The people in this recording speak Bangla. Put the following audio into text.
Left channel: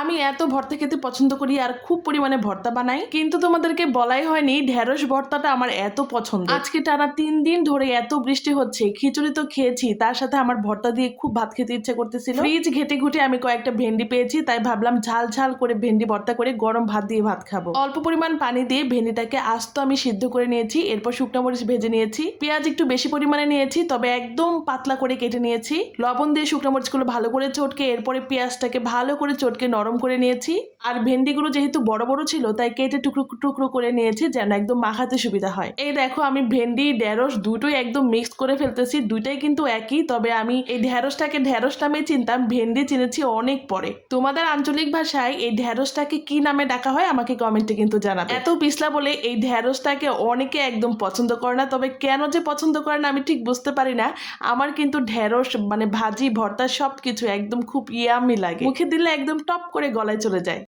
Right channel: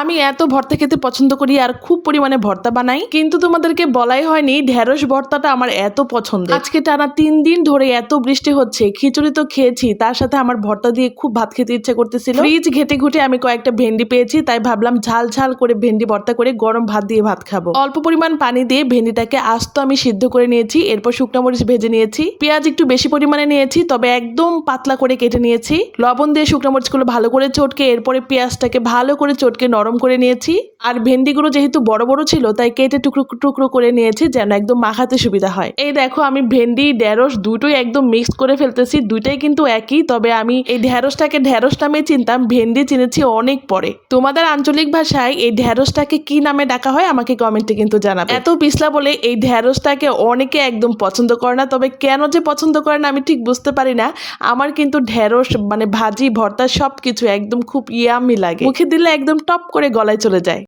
আমি এত ভর্তা খেতে পছন্দ করি আর খুব পরিমাণে ভর্তা বানাই, কিন্তু তোমাদেরকে বলাই হয়নি ঢেঁড়স ভর্তাটা আমার এত পছন্দ। আজকে টানা 3 দিন ধরে এত বৃষ্টি হচ্ছে, খিচুড়ি তো খেয়েছি, তার সাথে আমার ভর্তা দিয়ে খুব ভাত খেতে ইচ্ছে করতেছিল। ফ্রিজ ঘেটে ঘুটে আমি কয়েকটা ভেন্ডি পেয়েছি, তাই ভাবলাম ঝাল ঝাল করে ভেন্ডি ভর্তা করে গরম ভাত দিয়ে ভাত খাবো। অল্প পরিমাণ পানি দিয়ে ভেন্ডিটাকে আস্ত আমি সিদ্ধ করে নিয়েছি, এরপর শুকনো মরিচ ভেজে নিয়েছি, পেঁয়াজ একটু বেশি পরিমাণে নিয়েছি, তবে একদম পাতলা করে কেটে নিয়েছি, লবণ দিয়ে শুকনো মরিচগুলো ভালো করে চটকে এরপরে পেঁয়াজটাকে ভালো করে চটকে নরম করে নিয়েছি। আর ভেন্ডিগুলো যেহেতু বড় বড় ছিল তাই কেটে টুকরো টুকরো করে নিয়েছি যেন একদম মাখাতে সুবিধা হয়। এই দেখো আমি ভেন্ডি ঢেঁড়স দুটোই একদম মিক্স করে ফেলতেছি, দুইটাই কিন্তু একই, তবে আমি এই ঢেঁড়সটাকে ঢেঁড়স নামে চিনতাম, ভেন্ডি চিনেছি অনেক পরে। তোমাদের আঞ্চলিক ভাষায় এই ঢেঁড়সটাকে কি নামে ডাকা হয় আমাকে কমেন্টে কিন্তু জানাবে। এত পিছলা বলে এই ঢেঁড়সটাকে অনেকে একদম পছন্দ করে না, তবে কেন যে পছন্দ করে না আমি ঠিক বুঝতে পারি না। আমার কিন্তু ঢেঁড়স মানে ভাজি ভর্তা সবকিছু একদম খুব ইয়ামি লাগে, মুখে দিলে একদম টপ করে গলায় চলে যায়।